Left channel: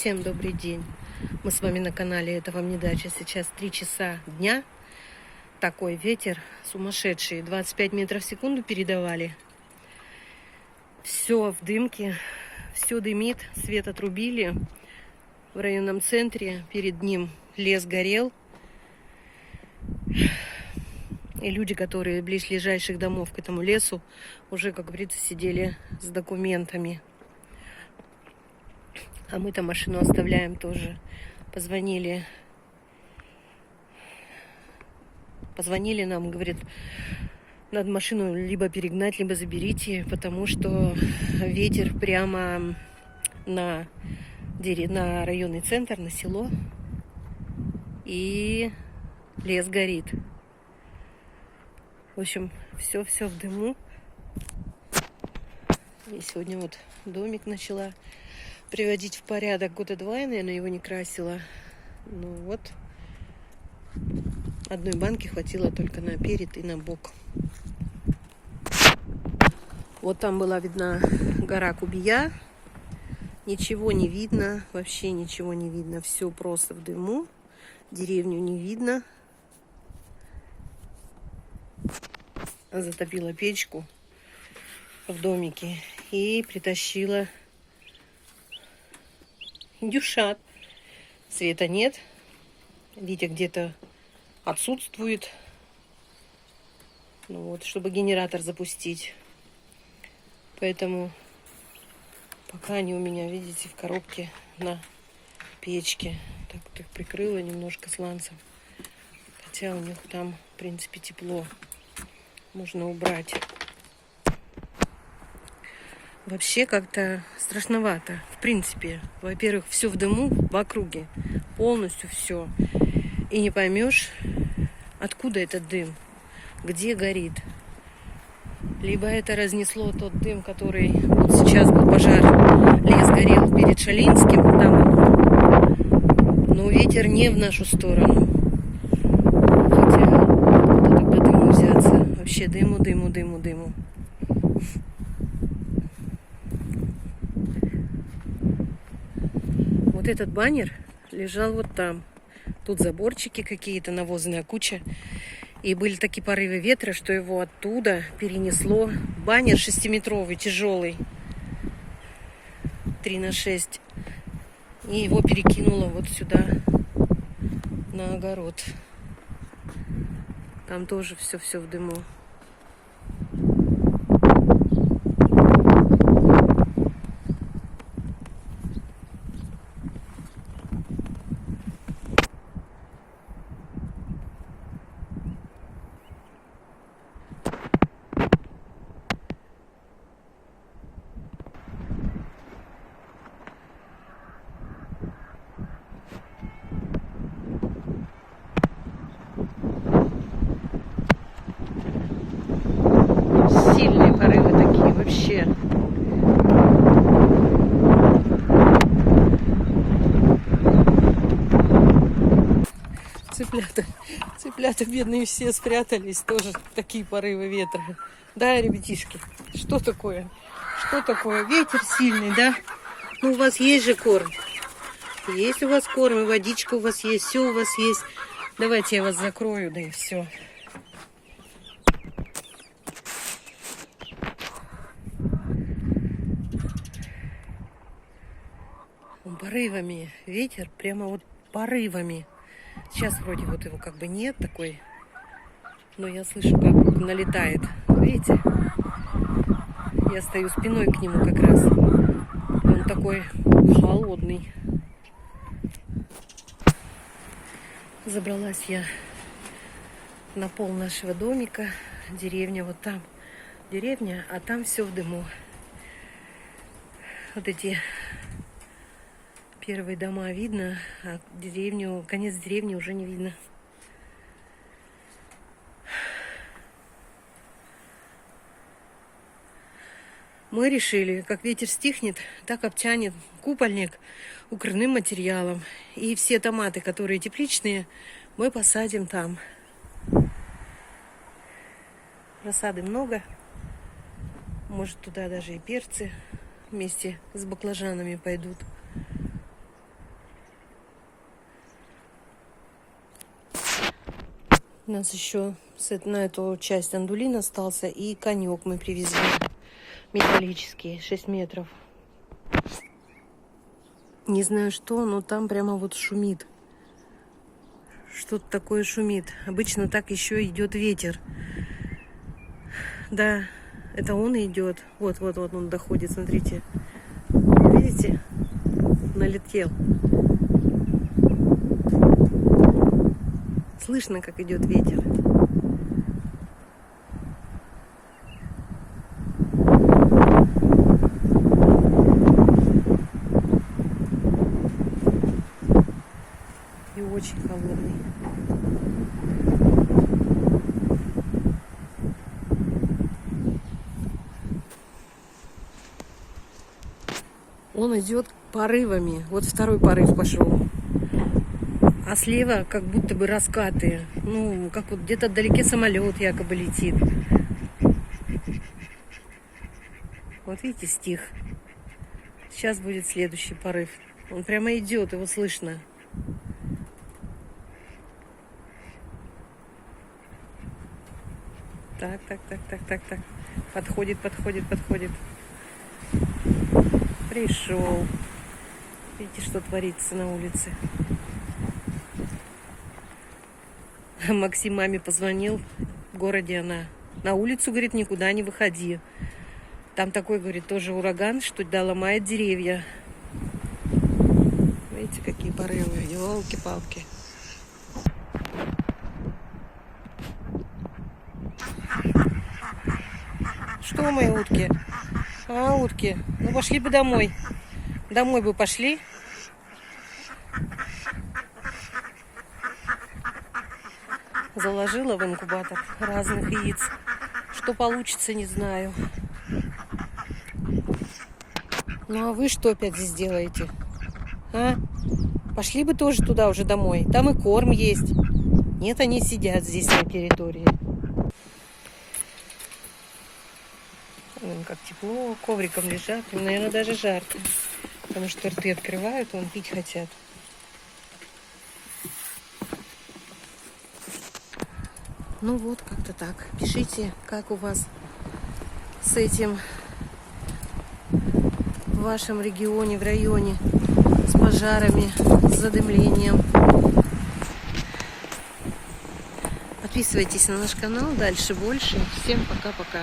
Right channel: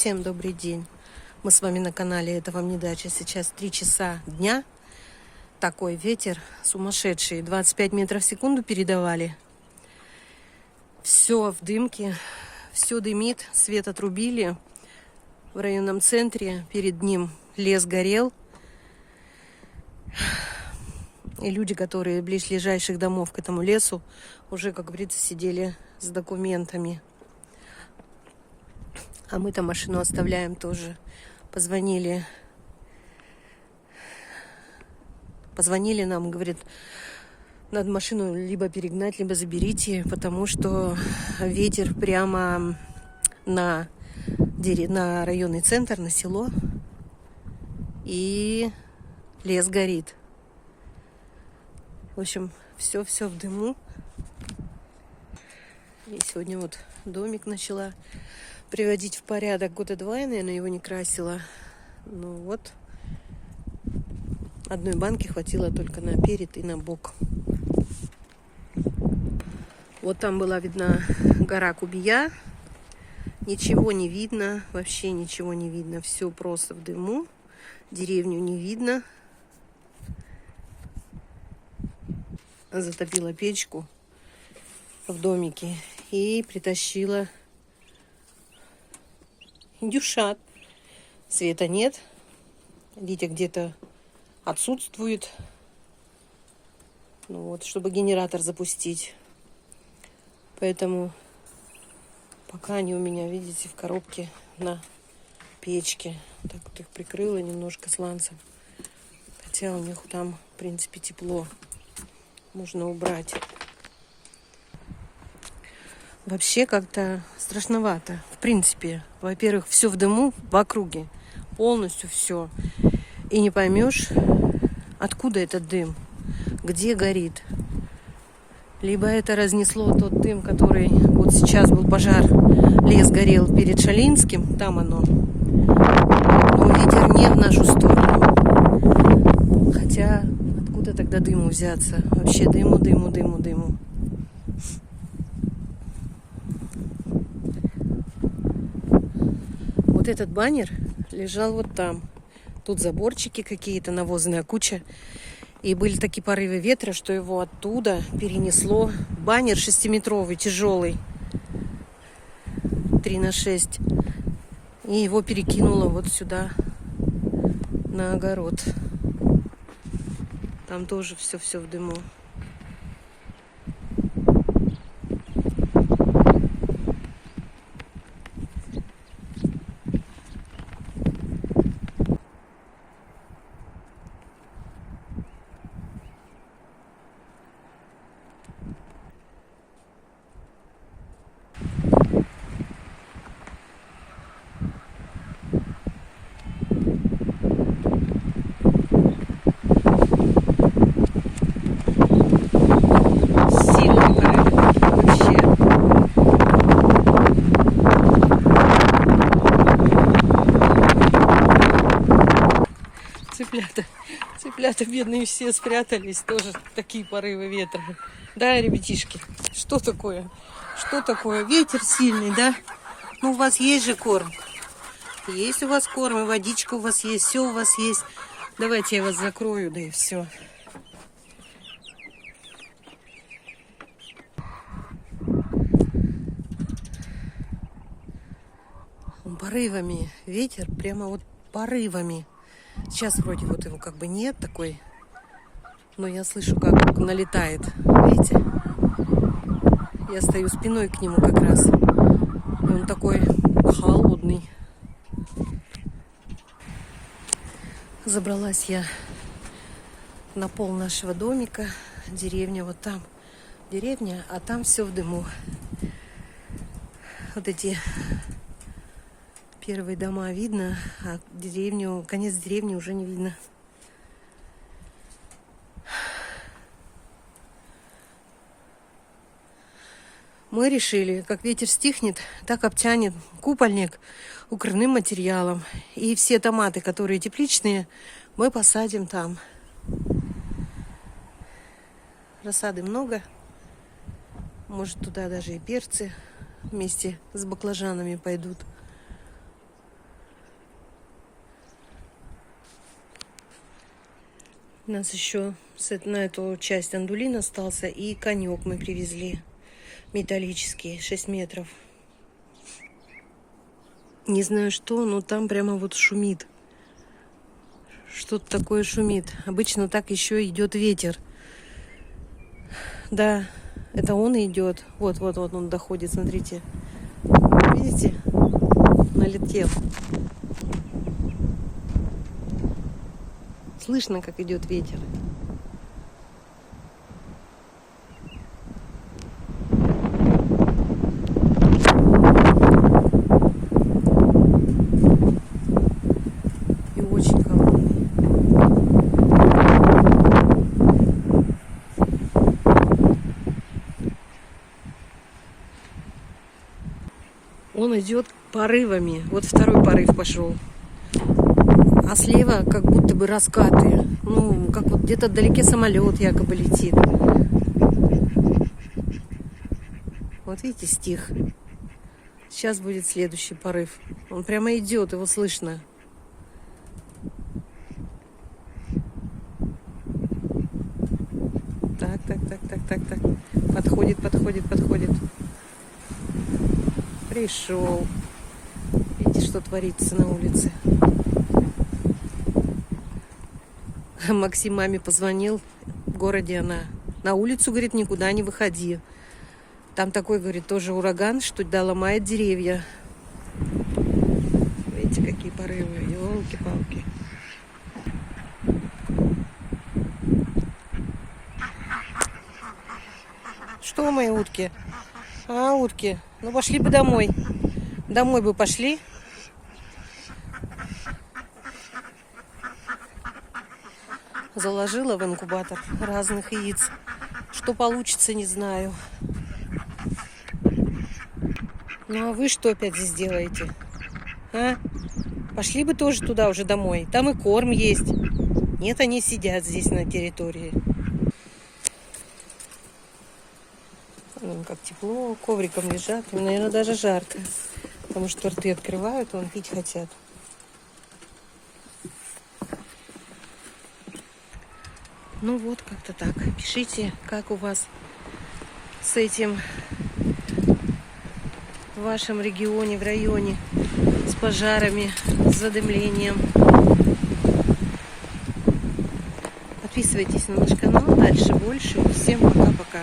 Всем добрый день. Мы с вами на канале «Это вам не дача». Сейчас 3 часа дня. Такой ветер сумасшедший. 25 метров в секунду передавали. Все в дымке. Все дымит. Свет отрубили. В районном центре перед ним лес горел. И люди, которые близлежащих домов к этому лесу, уже, как говорится, сидели с документами. А мы-то машину оставляем тоже. Позвонили нам, говорит, надо машину либо перегнать, либо заберите, потому что ветер прямо на районный центр, на село, и лес горит. В общем, все в дыму. И сегодня вот домик начала приводить в порядок. Года 2 я, наверное, его не красила. Ну вот. Одной банки хватило только на перед и на бок. Вот там была видна гора Кубия. Ничего не видно. Вообще ничего не видно. Все просто в дыму. Деревню не видно. Затопила печку в домике и притащила индюшат. Света нет. Витя где-то отсутствует. Ну вот, чтобы генератор запустить. Поэтому пока они у меня, видите, в коробке на печке. Так вот их прикрыла немножко сланцем. Хотя у них там, в принципе, тепло. Можно убрать. Вообще как-то страшновато. В принципе, во-первых, все в дыму в округе. Полностью все. И не поймешь, откуда этот дым, где горит. Либо это разнесло тот дым, который вот сейчас был пожар. Лес горел перед Шалинским. Там, но ветер не в нашу сторону. Хотя, откуда тогда дыму взяться? Вообще дыму. Вот этот баннер лежал вот там. Тут заборчики какие-то, навозная куча. И были такие порывы ветра, что его оттуда перенесло. Баннер 6-метровый, тяжелый. 3х6. И его перекинуло вот сюда, на огород. Там тоже все в дыму. Сильные порывы такие вообще. Цыплята бедные все спрятались. Тоже такие порывы ветра. Да, ребятишки? Что такое? Что такое? Ветер сильный, да? Ну, у вас есть же корм. Есть у вас корм, и водичка у вас есть, все у вас есть. Давайте я вас закрою, да и все. Порывами. Ветер прямо вот порывами. Сейчас вроде вот его как бы нет такой. Но я слышу, как налетает. Видите? Я стою спиной к нему как раз. Он такой холодный. Забралась я на пол нашего домика. Деревня вот там. Деревня, а там все в дыму. Вот эти первые дома видно, а деревню, конец деревни уже не видно. Мы решили, как ветер стихнет, так обтянет купольник укрывным материалом. И все томаты, которые тепличные, мы посадим там. Рассады много. Может, туда даже и перцы вместе с баклажанами пойдут. У нас еще на эту часть андулин остался, и конек мы привезли. Металлический, 6 метров. Не знаю что, но там прямо вот шумит. Что-то такое шумит. Обычно так еще идет ветер. Да, это он идет. Вот он доходит, смотрите. Видите? Налетел. Слышно, как идет ветер. И очень холодный. Он идет порывами. Вот второй порыв пошел. А слева как будто бы раскаты. Ну, как вот где-то вдалеке самолет якобы летит. Вот видите, стих. Сейчас будет следующий порыв. Он прямо идет, его слышно. Так. Подходит. Пришел. Видите, что творится на улице. Максим маме позвонил. В городе она. На улицу, говорит, никуда не выходи. Там такой, говорит, тоже ураган, что ломает деревья. Видите, какие порывы. Елки-палки. Что, мои утки? А, утки, ну пошли бы домой. Домой бы пошли. Заложила в инкубатор разных яиц. Что получится, не знаю. Ну а вы что опять здесь делаете? А? Пошли бы тоже туда уже домой. Там и корм есть. Нет, они сидят здесь на территории. Как тепло, ковриком лежат. И, наверное, даже жарко. Потому что рты открывают, вон пить хотят. Ну вот, как-то так. Пишите, как у вас с этим в вашем регионе, в районе, с пожарами, с задымлением. Подписывайтесь на наш канал, дальше больше. Всем пока-пока.